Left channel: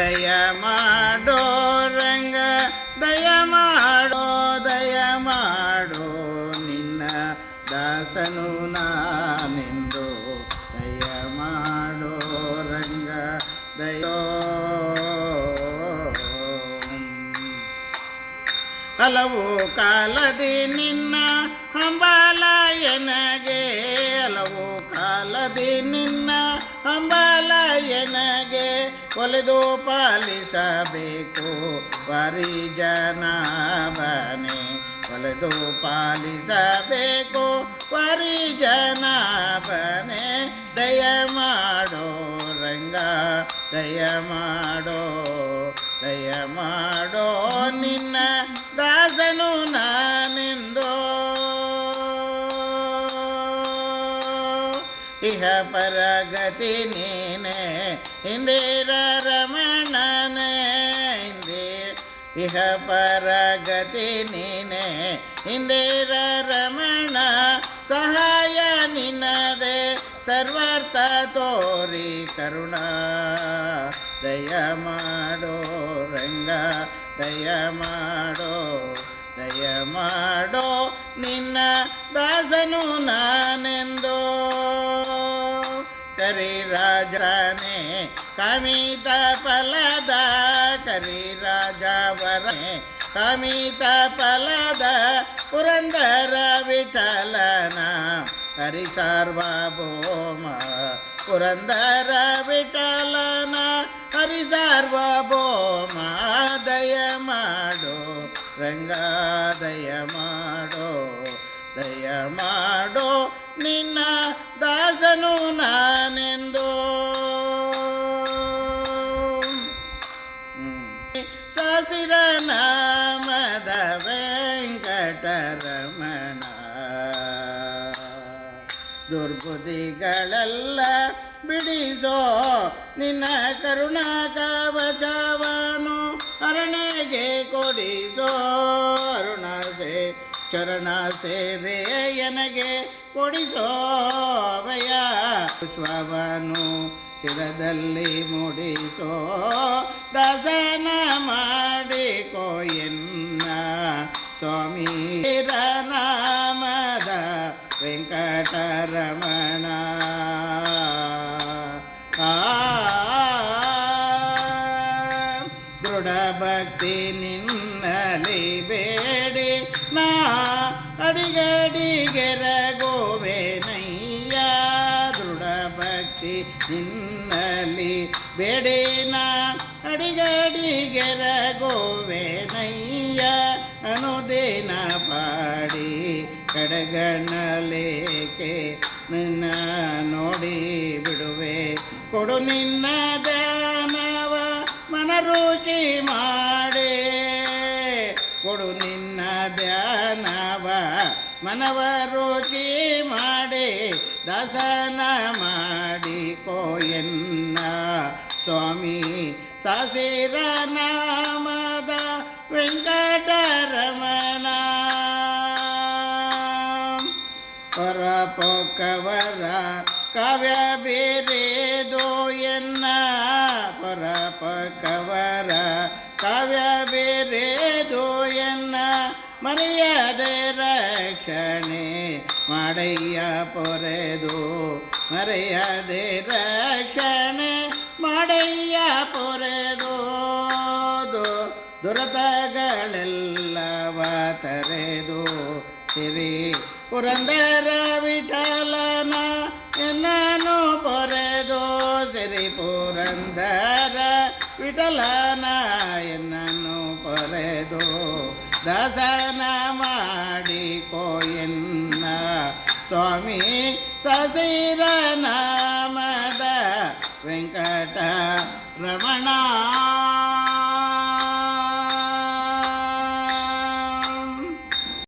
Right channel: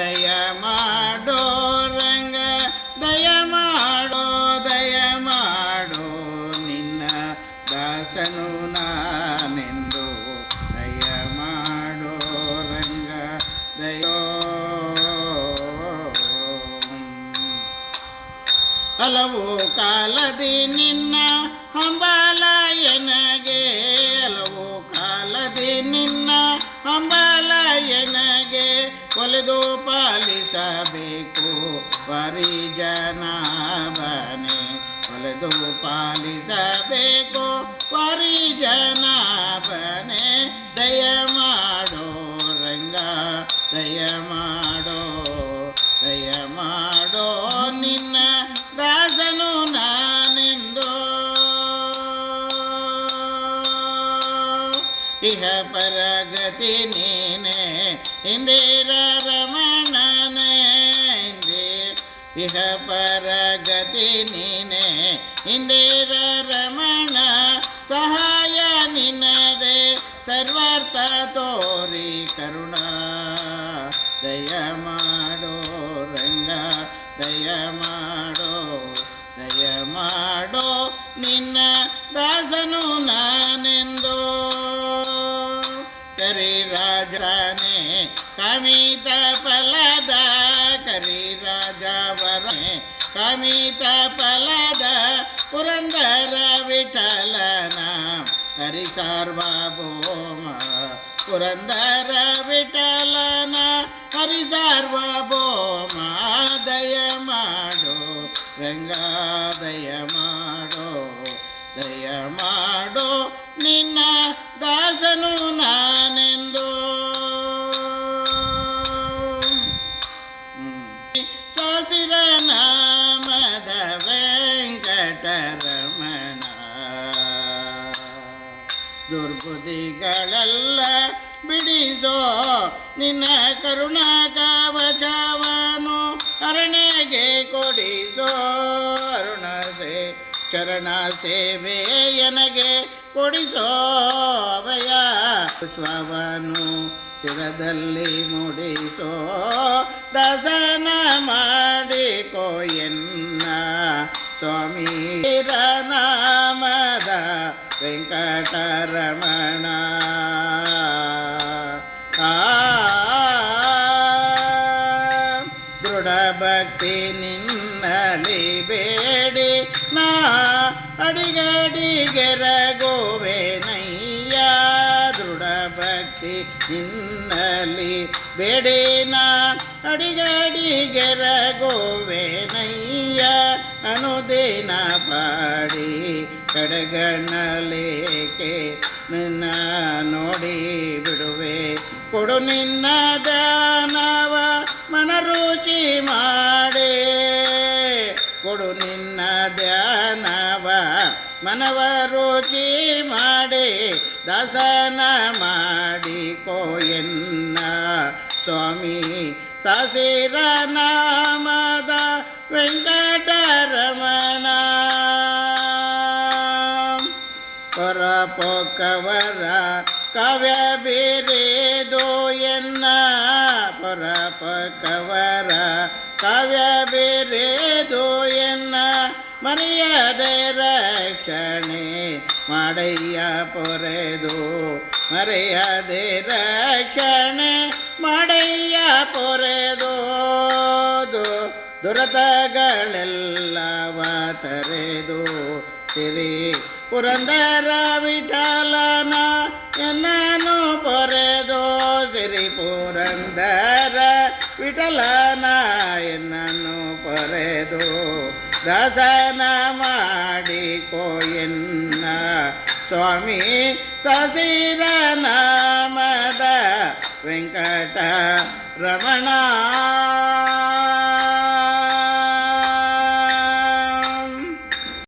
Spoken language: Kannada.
ದಯ ಮಾಡೋ ರಂಗ ದಯ ಮಾಡೋ ದಯ ಮಾಡೋ ನಿನ್ನ ದಾಸನು ನಾನೆಂದು ದಯ ಮಾಡೋ ರಂಗ ದಯೋ ಹಲವು ಕಾಲದಿ ನಿನ್ನ ಹಂಬಾಲಯನಗೆ ಹಲವು ಕಾಲದಿ ನಿನ್ನ ಹಂಬಾಲಯನಗೆ ಒಲೆದು ಪಾಲಿಸಬೇಕು ಪರಿಜನಾಭನೆ ಒಲೆದು ಪಾಲಿಸಬೇಕು ಪರಿಜನಾಭನೆ ದಯ ಮಾಡೋ ರಂಗ ದಯ ಮಾಡೋ ದಯ ಮಾಡೋ ನಿನ್ನ ದಾಸನು ನಾನೆಂದೋ ಇಹ ಪರಗತಿ ನೀನೆ ಇಂದಿರ ರಮಣನೆ ಇಹ ಪರಗತಿ ನೀನೆ ಇಂದಿರ ರಮಣ ಸಹಾಯ ನಿನ್ನದೆ ಸರ್ವಾರ್ಥ ತೋರಿ ಕರುಣ ದಯ ಮಾಡೋ ರಂಗ ದಯ ಮಾಡೋ ದಯ ಮಾಡೋ ನಿನ್ನ ದಾಸನು ನಾನೆಂದೋ ಕರಿರಾಜನೇ ಕಾಮಿತ ಫಲದ ಕರಿರಾಜವರೇ ಕಾಮಿತ ಫಲದ ಪುರಂದರ ವಿಠಲನ ಹರಿ ಸಾರ್ವಭೌಮ ಪುರಂದರ ವಿಠಲನ ಹರಿ ಸಾರ್ವಭೌಮ ದಯ ಮಾಡೋ ರಂಗ ದಯ ಮಾಡೋ ದಯ ಮಾಡೋ ನಿನ್ನ ದಾಸನು ನಾನೆಂದೋ ಸಸಿರ ನಾಮದ ವೆಂಕಟರಮಣ ದುರ್ಬುದ್ಧಿಗಳೆಲ್ಲ ಬಿಡಿಸೋ ನಿನ್ನ ಕರುಣಾ ಕವಚವನು ಅರಣೆಗೆ ಕೊಡಿಸೋ ಅರುಣ ಚರಣ ಸೇವೆಯನಗೆ ಕೊಡಿಸೋ ಅಭಯ ಪುಷ್ಪವನು ಶಿರದಲ್ಲಿ ಮುಡಿಸೋ ದಾಸನ ಮಾಡಿಕೋ ಎನ್ನ ಸ್ವಾಮಿ ನಾಮದ ವೆಂಕಟರಮಣ ದೃಢ ಭಕ್ತಿ ನಿನ್ನಲಿ ಬೇಡಿ ನಾ ಅಡಿಗಡಿಗೆರಗೋವೆನಯ್ಯ ದೃಢ ಭಕ್ತಿ ನಿನ್ನಲಿ ಬೇಡಿ ನಾ ಅಡಿಗಡಿಗೆರಗೋವೆನಯ್ಯ ಅನುದಿನ ಪಾಡಿ ಕಡೆಗಣ್ಣಲೇಕೆ ನಿನ್ನ ನೋಡಿ ಬಿಡುವೆ ಕೊಡು ನಿನ್ನ ಧ್ಯಾನವ ಮನರುಚಿ ಮಾಡೇ ಕೊಡು ನಿನ್ನ ಧ್ಯಾನವ ಮನವ ರುಚಿ ಮಾಡಿ ದಾಸನ ಮಾಡಿಕೋ ಎನ್ನ ಸ್ವಾಮಿ ಸಸಿರ ನಾಮದ ವೆಂಕಟರಮಣ ಪರಪೊಕ್ಕವರ ಕಾವ್ಯ ಬೇರೆದೋ ಎನ್ನ ಪರಪೊಕ್ಕವರ ಕಾವ್ಯ ಬೇರೆದೋ ಎನ್ನ ಮರೆಯದೆ ರಕ್ಷಣೆ ಮಾಡಯ್ಯ ಪೊರೆದು ಮರೆಯದೆ ರಕ್ಷಣೆ ಮಾಡಯ್ಯ ಪೊರೆದು ದುರತಗಳೆಲ್ಲವ ತರೆದು ಸಿರಿ ಪುರಂದರ ವಿಠಲನ ಎನ್ನನು ಪೊರೆದು ಸಿರಿ ಪುರಂದರ ವಿಠಲನ ಎನ್ನನು ಪೊರೆದು ದಾಸನ ಮಾಡಿಕೋ ಎನ್ನ ಸ್ವಾಮಿ ಸಸಿರ ನಾಮದ ವೆಂಕಟ ರಮಣ